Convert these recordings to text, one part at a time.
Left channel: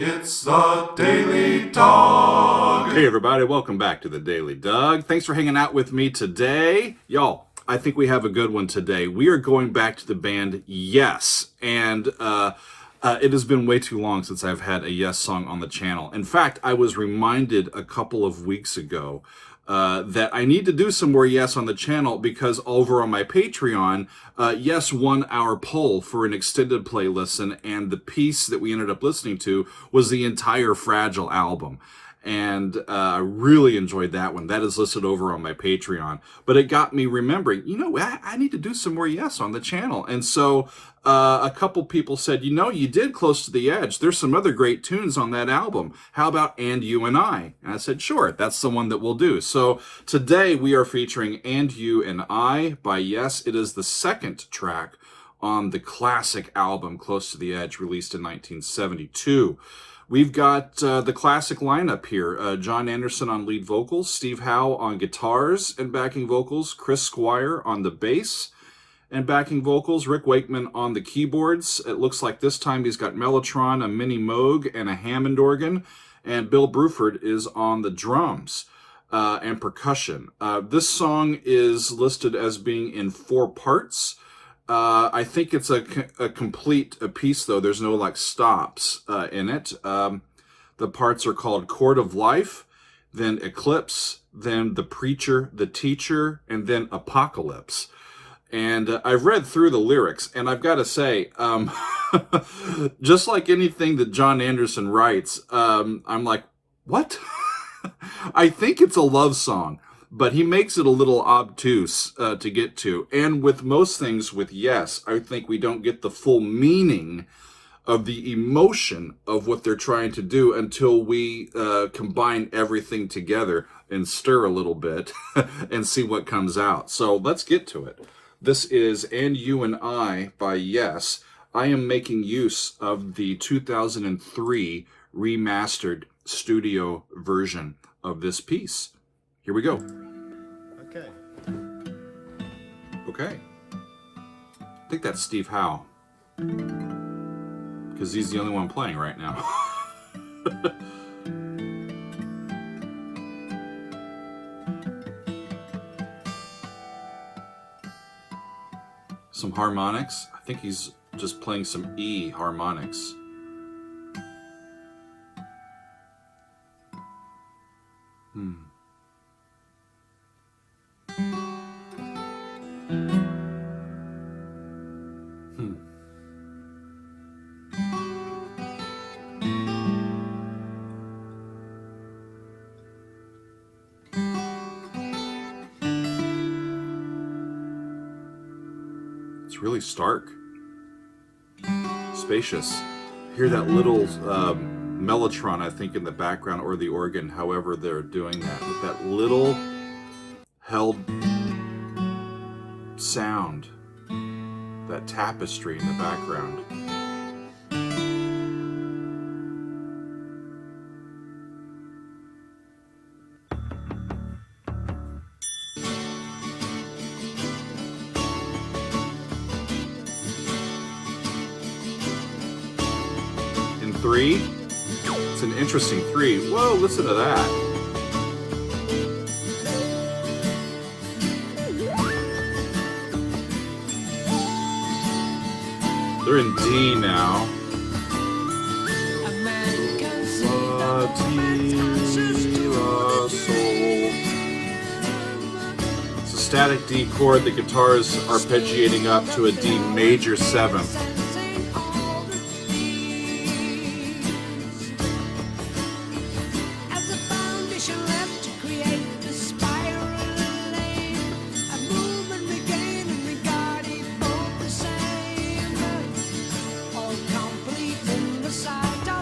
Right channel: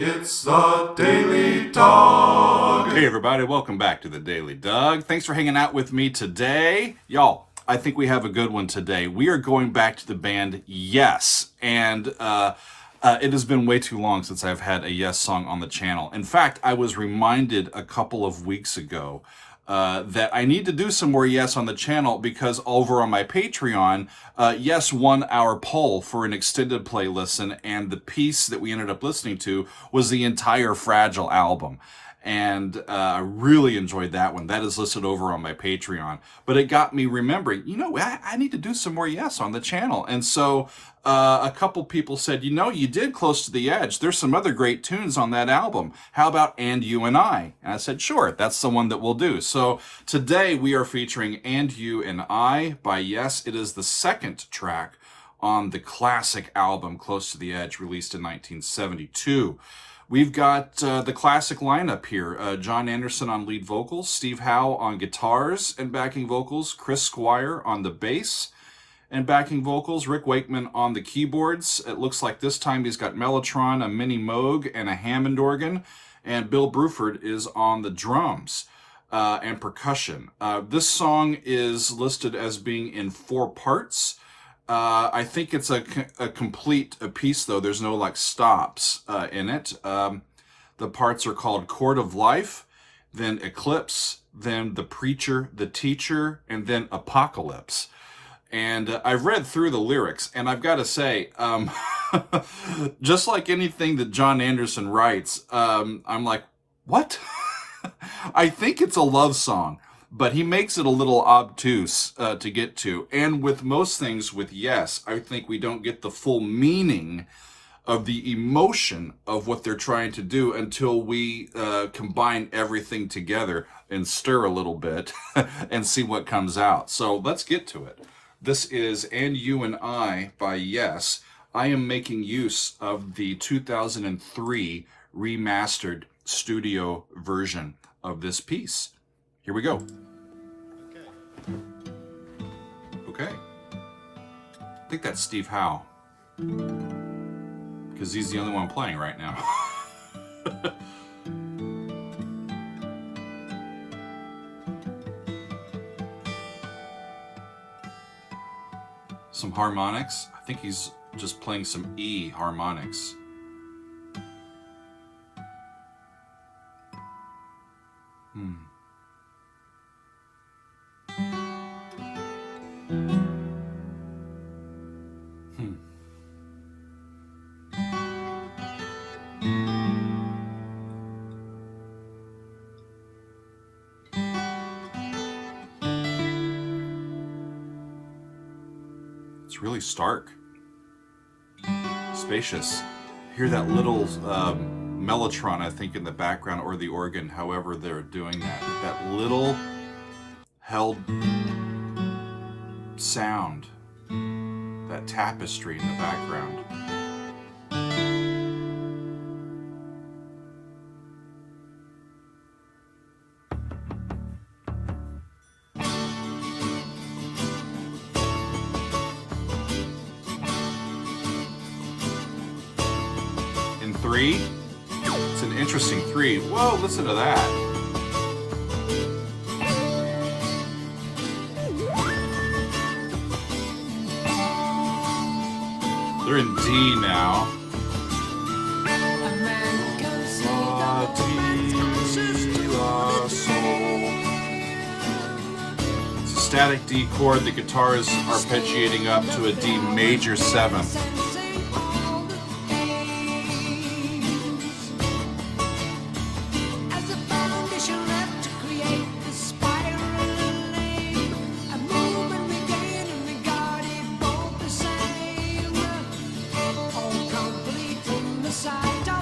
It's the Daily Dog. Hey everybody, welcome back to the Daily Dog. Thanks for hanging out with me today. Y'all, I think we have a good one today. We are going back to the band Yes, and it has been way too long since I've had a Yes song on the channel. In fact, I was reminded a couple of weeks ago that I need to do some more Yes on the channel because over on my Patreon, Yes won our poll for an extended play listen, and the piece that we ended up listening to was the entire Fragile album. And I really enjoyed that one. That is listed over on my Patreon. But it got me remembering, I need to do some more Yes on the channel. And so a couple people said, you did Close to the Edge. There's some other great tunes on that album. How about And You and I? And I said, sure, that's the one that we'll do. So today we are featuring And You and I by Yes. It is the second track on the classic album Close to the Edge, released in 1972. We've got the classic lineup here. John Anderson on lead vocals, Steve Howe on guitars and backing vocals, Chris Squire on the bass and backing vocals, Rick Wakeman on the keyboards. It looks like this time he's got Mellotron, a mini Moog, and a Hammond organ, and Bill Bruford is on the drums and percussion. This song is listed as being in 4 parts. I think it's a complete piece, though. There's no stops in it. The parts are called Chord of Life, then Eclipse, then The Preacher, The Teacher, and then Apocalypse. And I've read through the lyrics, and I've got to say, just like anything that John Anderson writes, I'm like, what? I think it's a love song, but he makes it a little obtuse to get to. And with most things with Yes, I think we don't get the full meaning of the emotion of what they're trying to do until we combine everything together and stir a little bit and see what comes out. So let's get to it. This is And You and I by Yes. I am making use of the 2003 remastered studio version of this piece. Here we go. Okay. I think that's Steve Howe, because he's the only one playing right now. Some harmonics. I think he's just playing some E harmonics. It's really stark, spacious. Hear that little mellotron, I think, in the background, or the organ, however they're doing that, with that little held sound, that tapestry in the background. In 3, it's an interesting 3. Whoa, listen to that. They're in D now. It's a static D chord. The guitar is arpeggiating up to a D major 7th.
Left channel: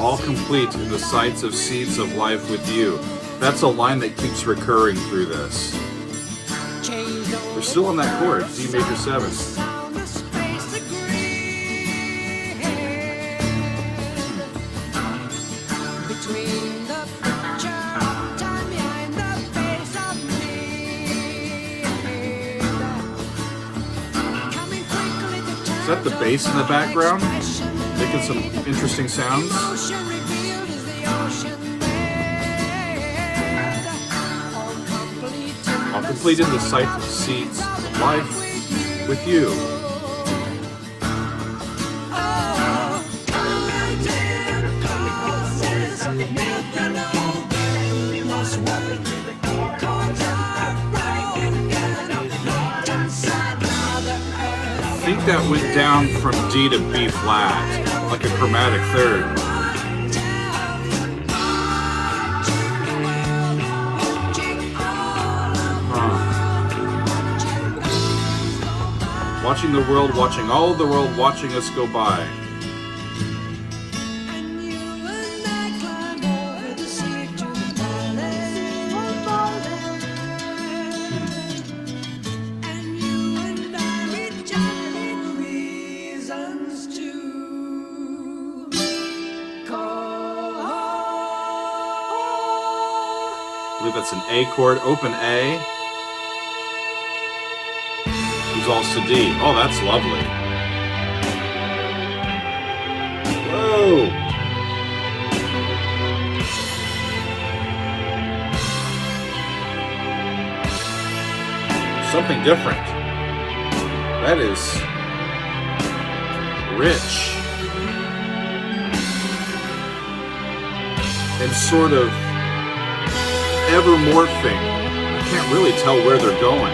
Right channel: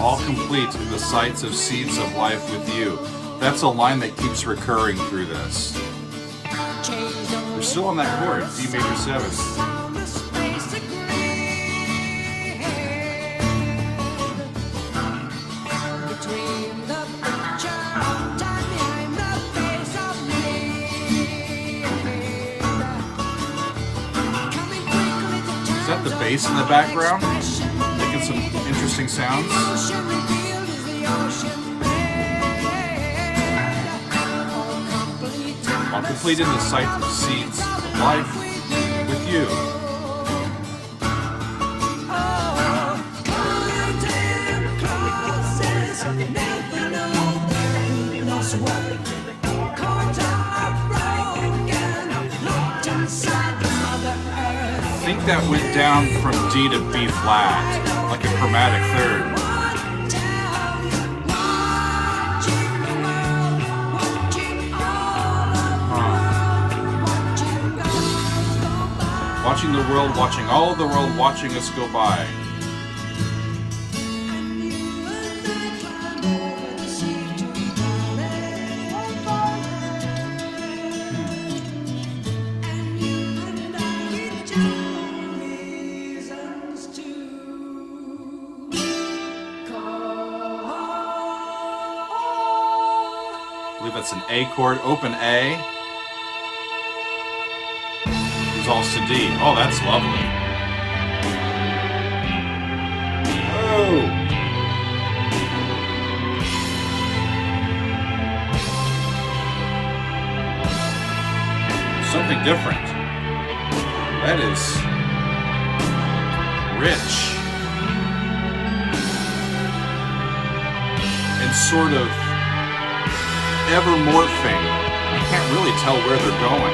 All complete in the sights of seeds of life with you. That's a line that keeps recurring through this. They're still on that chord, D major 7. Is that the bass in the background? Making some interesting sounds. All complete in the sight of seeds of life with you. I think that went down from D to B flat, like a chromatic third. Watching the world, watching all of the world, watching us go by. I believe that's an A chord, open A. Resolves to D. Oh, that's lovely. Whoa! Something different. That is rich. And sort of ever morphing. I can't really tell where they're going.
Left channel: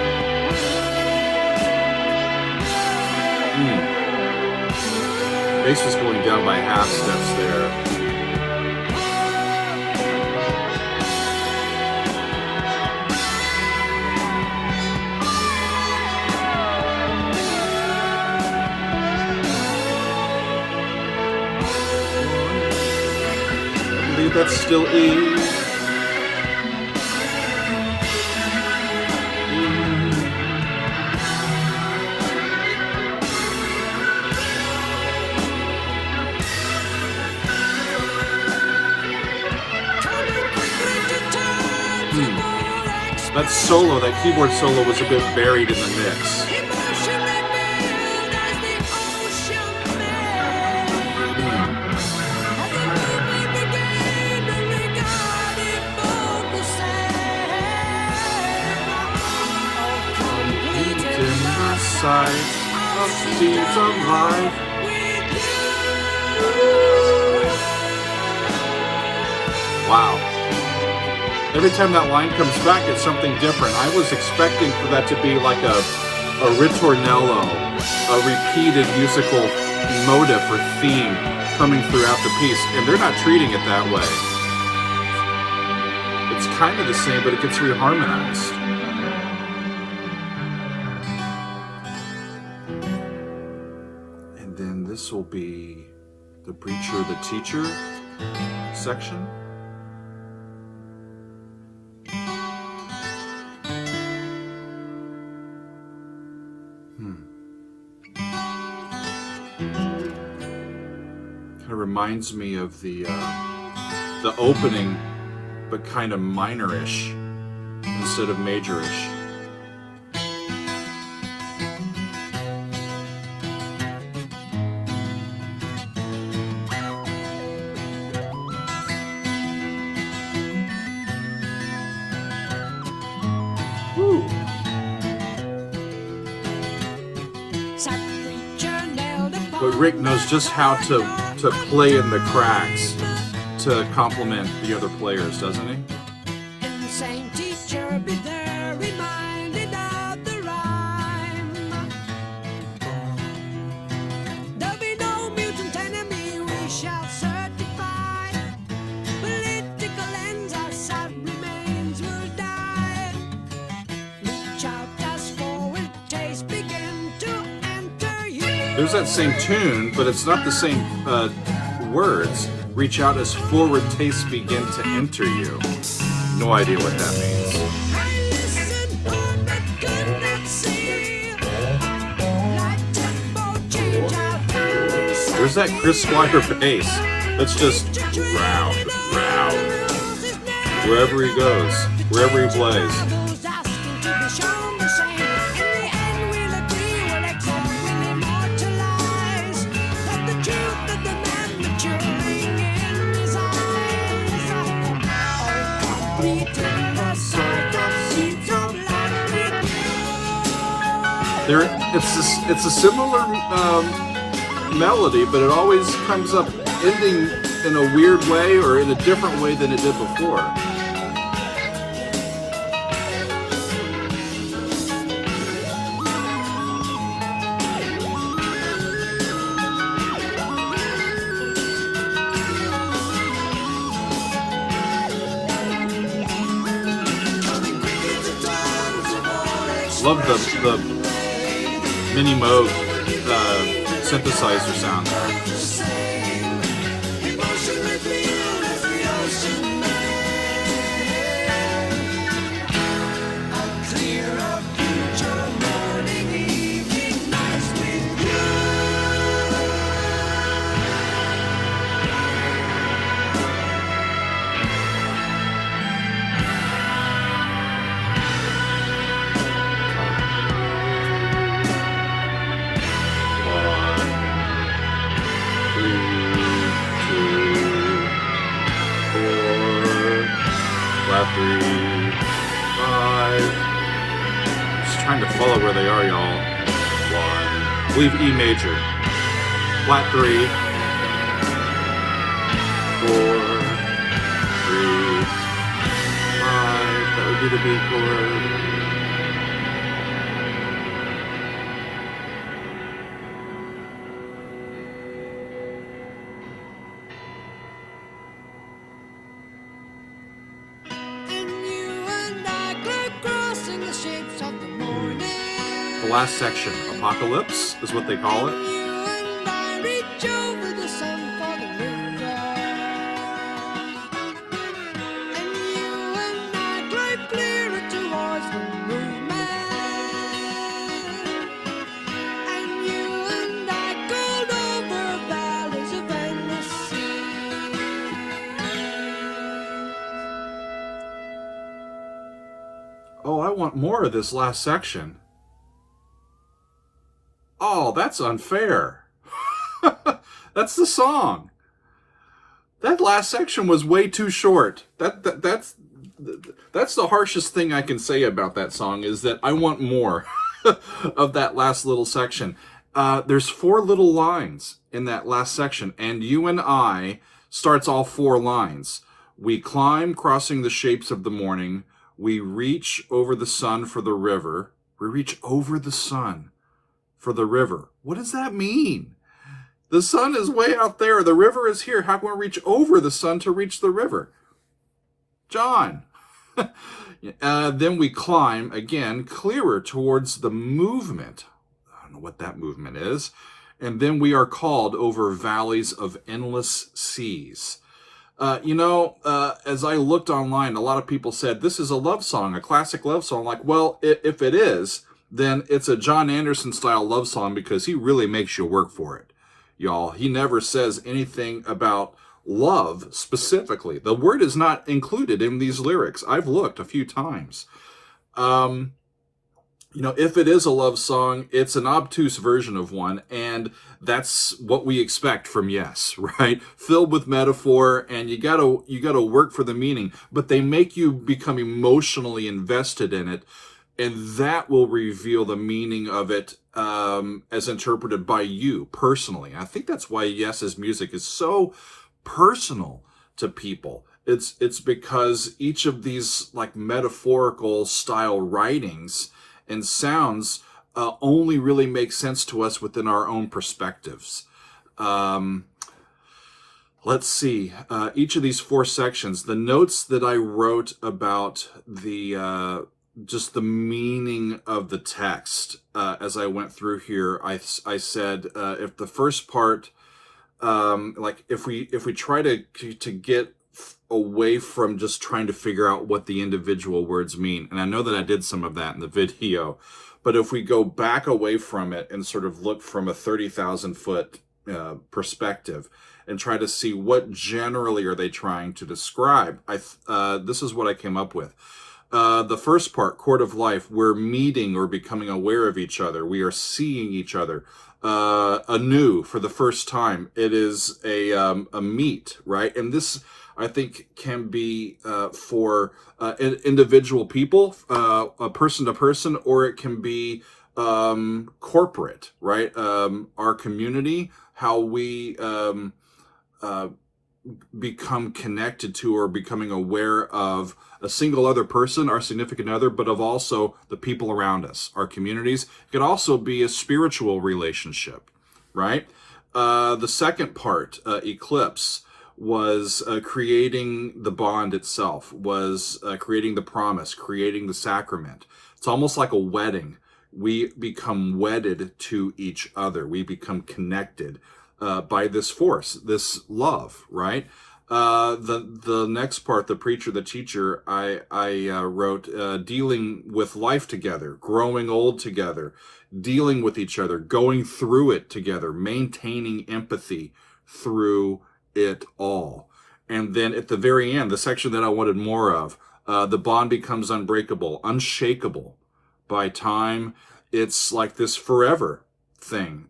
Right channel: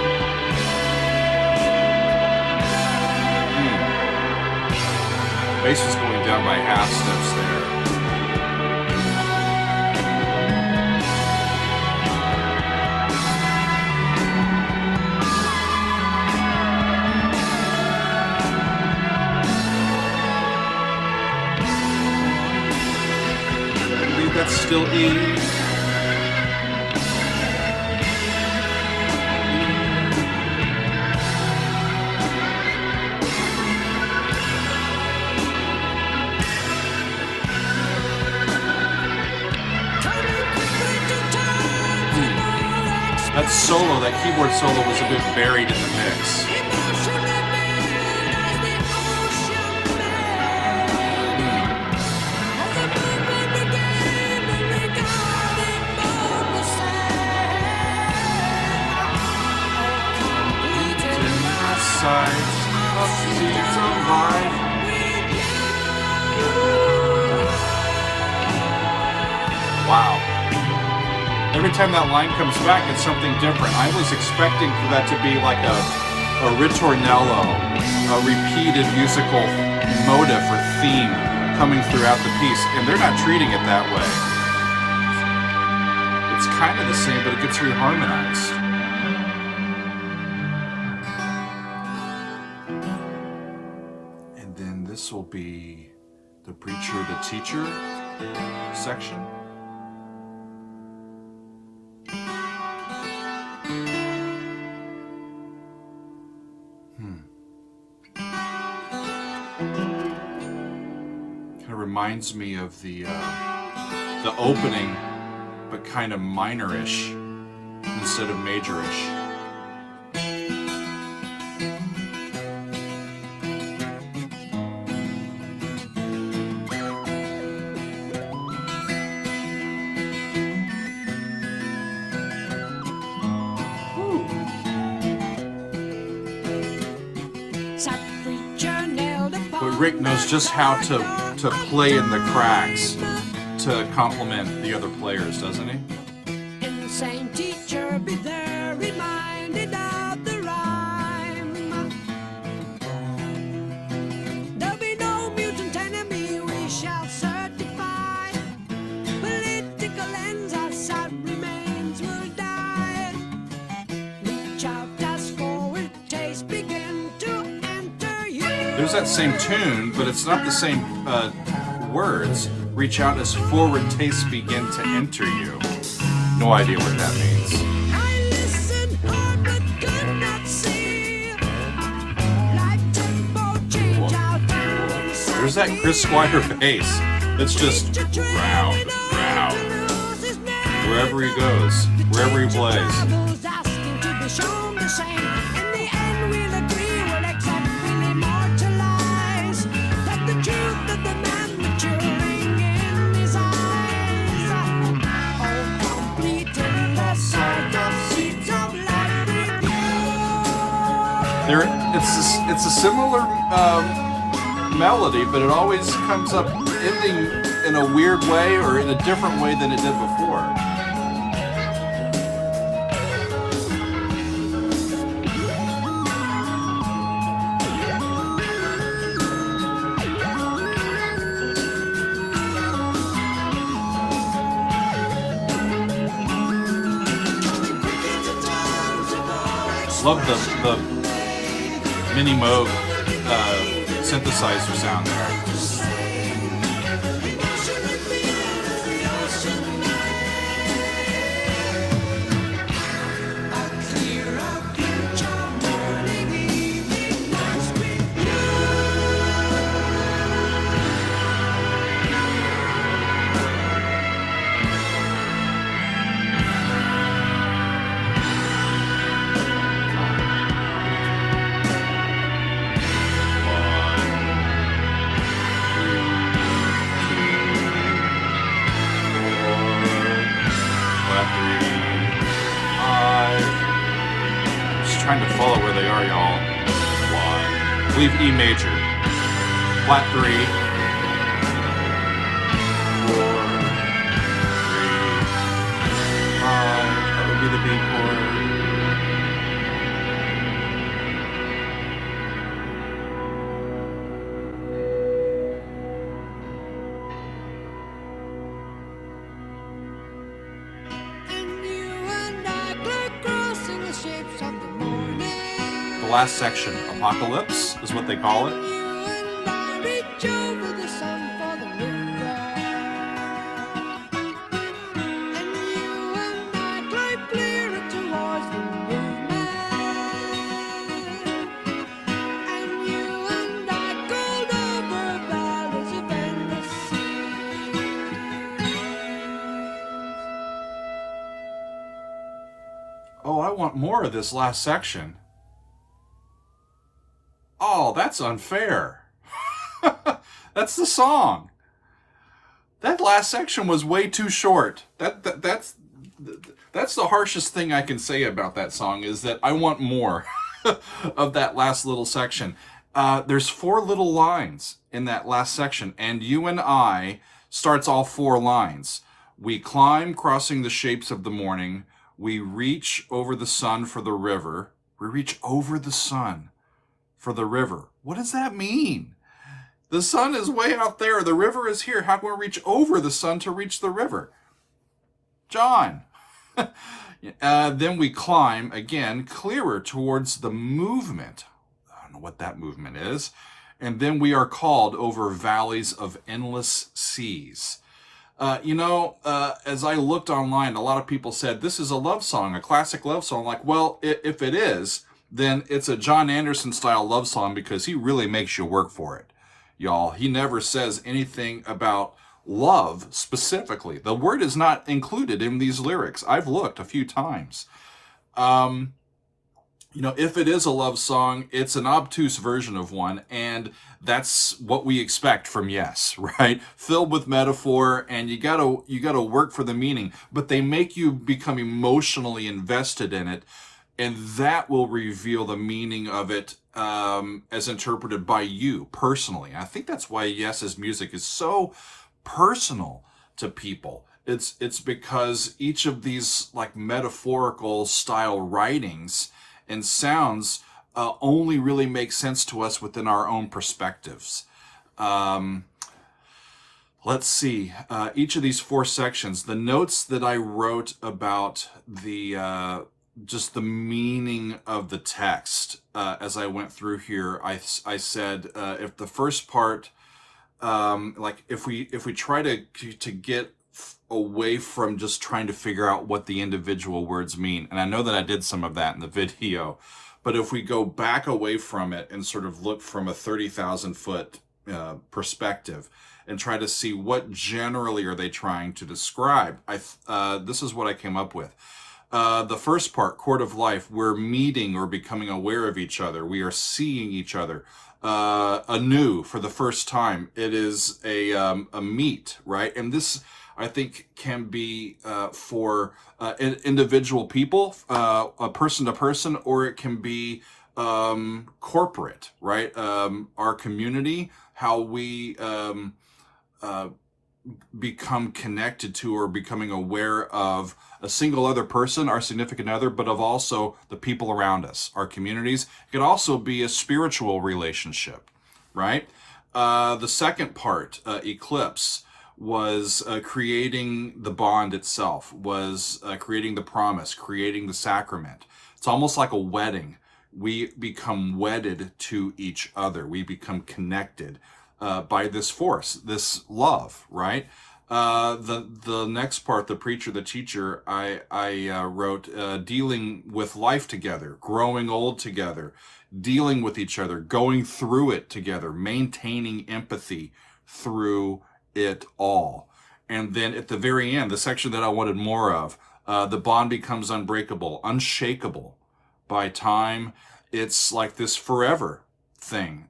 Bass is going down by half steps there. I believe that's still E. That solo, that keyboard solo was a bit buried in the mix. Wow. Every time that line comes back, it's something different. I was expecting for that to be like a ritornello, a repeated musical motif or theme coming throughout the piece, and they're not treating it that way. It's kind of the same, but it gets reharmonized. And then this will be the preacher, the teacher section. Kind of reminds me of the opening, but kind of minorish instead of majorish. Woo. But Rick knows just how to play in the cracks to complement the other players, doesn't he? Insane teacher, be there reminded of the rhyme. There'll be no mutant enemy we shall certify. Political ends, our sad remains will die. Reach out as forward taste begin to enter you. There's that same tune, but it's not the same words. Reach out as forward tastes begin to enter you. No idea what that means. I listened hard but could not see. Light tempo change out and inside. There's that Chris Squire bass. That's just round, round. Wherever he goes, wherever he plays. Asking to be shown the same. In the end, we'll agree, we'll accept, we'll immortalize that the truth of the man maturing in his eyes. There, it's a similar melody, but it always comes up ending in a weird way or in a different way than it did before. Love the mini Moog synthesizer sound. Trying to follow where they are, y'all. I believe E major. Flat 3. 4. 3. 5. That would be the B chord. Shapes of the morning. The last section, Apocalypse, is what they call it. And you and I reach over the sun for the river. And you and I glide clearer towards the movement. And you and I gold over valleys of endless sea. Oh, I want more of this last section. Oh, that's unfair. That's the song. That last section was way too short. That's the harshest thing I can say about that song, is that I want more of that last little section. There's 4 little lines in that last section, and you and I starts all 4 lines. We climb, crossing the shapes of the morning. We reach over the sun for the river. We reach over the sun for the river. What does that mean? The sun is way out there. The river is here. How can we reach over the sun to reach the river? John. Then we climb, again, clearer towards the movement. I don't know what that movement is. And then we are called over valleys of endless seas. As I looked online, a lot of people said, this is a love song, a classic love song. Like, well, if it is, then it's a John Anderson style love song, because he really makes you work for it, y'all. He never says anything about love specifically. The word is not included in these lyrics. I've looked a few times. If it is a love song, it's an obtuse version of one, and that's what we expect from Yes, right? Filled with metaphor, and you gotta work for the meaning, but they make you become emotionally invested in it, and that will reveal the meaning of it as interpreted by you personally. I think that's why Yes's music is so personal to people. It's because each of these like metaphorical style writings and sounds only really make sense to us within our own perspectives. Let's see. Each of these 4 sections, the notes that I wrote about the just the meaning of the text as I went through here, I said if the first part, if we try to get away from just trying to figure out what the individual words mean. And I know that I did some of that in the video, but if we go back away from it and sort of look from a 30,000 foot perspective and try to see what generally are they trying to describe, this is what I came up with. The first part, Court of Life, we're meeting or becoming aware of each other. We are seeing each other anew for the first time. It is a meet, right? And this, I think, can be for individual people, person to person, or it can be corporate, right? Our community, how we become connected to or becoming aware of a single other person, our significant other, but of also the people around us, our communities. It could also be a spiritual relationship, right? The second part, eclipse, was creating the bond itself, was creating the promise, creating the sacrament. It's almost like a wedding. We become wedded to each other. We become connected by this force, this love, right? The next part, the preacher, the teacher, I wrote dealing with life together, growing old together, dealing with each other, going through it together, maintaining empathy through it all. And then at the very end, the section that I wanted more of, the bond becomes unbreakable, unshakable by time. It's like this forever thing,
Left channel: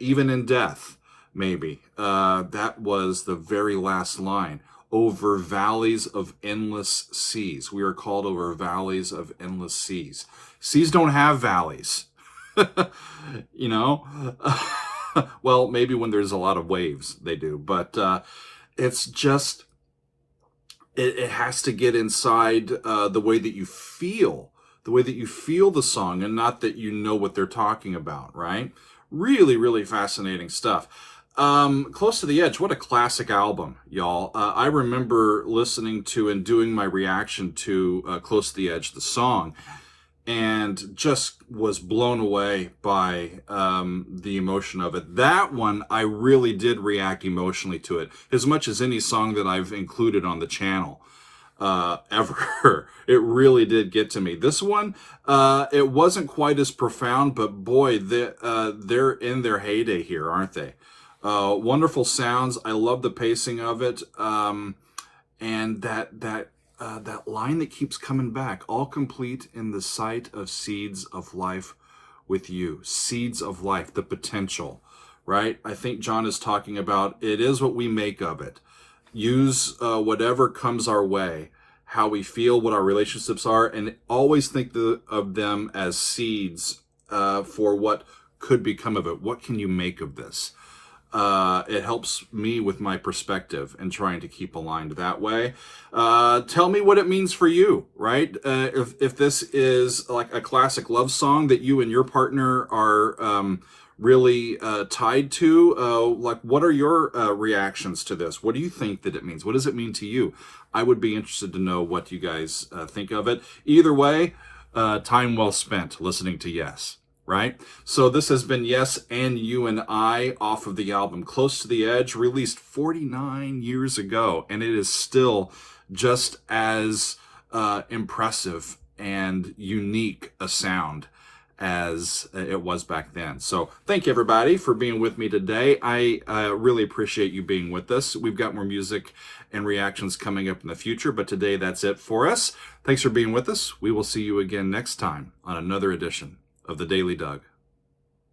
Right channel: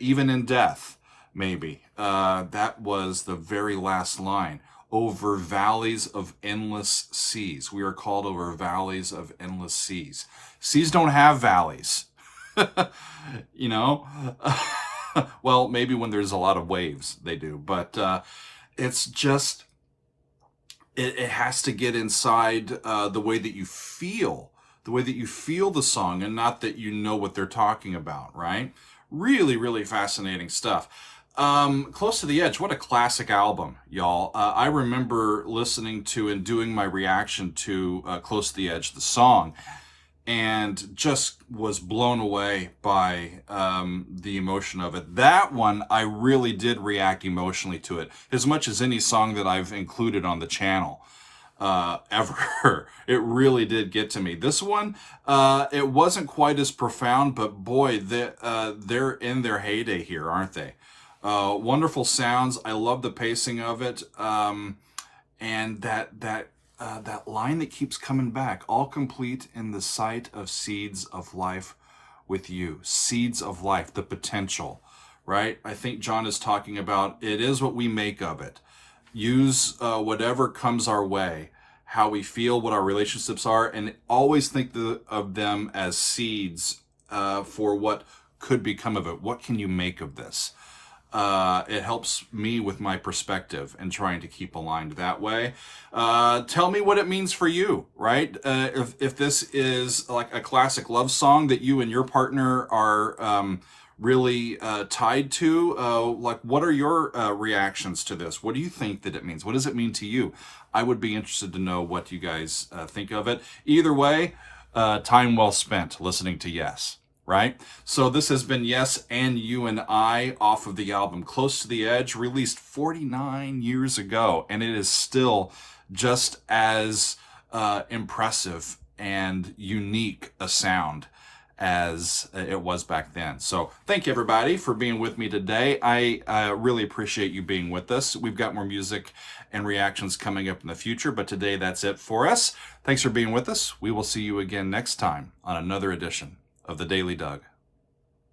even in death, maybe. That was the very last line. Over valleys of endless seas. We are called over valleys of endless seas. Seas don't have valleys, you know? Well, maybe when there's a lot of waves, they do. But it's just, it has to get inside the way that you feel. The way that you feel the song, and not that you know what they're talking about, right? Really, really fascinating stuff. Close to the Edge, what a classic album, y'all. I remember listening to and doing my reaction to Close to the Edge, the song, and just was blown away by the emotion of it. That one, I really did react emotionally to it, as much as any song that I've included on the channel ever. It really did get to me. This one, it wasn't quite as profound, but boy, they're in their heyday here, aren't they? Wonderful sounds. I love the pacing of it, and that line that keeps coming back, all complete in the sight of seeds of life with you. Seeds of life, the potential, right? I think John is talking about it is what we make of it. Use whatever comes our way, how we feel, what our relationships are, and always think of them as seeds for what could become of it. What can you make of this? It helps me with my perspective and trying to keep aligned that way. Tell me what it means for you, right? If this is like a classic love song that you and your partner are really tied to, like what are your reactions to this? What do you think that it means? What does it mean to you? I would be interested to know what you guys think of it. Either way, time well spent listening to Yes, right? So this has been Yes and You and I off of the album Close to the Edge, released 49 years ago, and it is still just as impressive and unique a sound as it was back then. So thank you everybody for being with me today. I really appreciate you being with us. We've got more music and reactions coming up in the future, but today that's it for us. Thanks for being with us. We will see you again next time on another edition of The Daily Doug.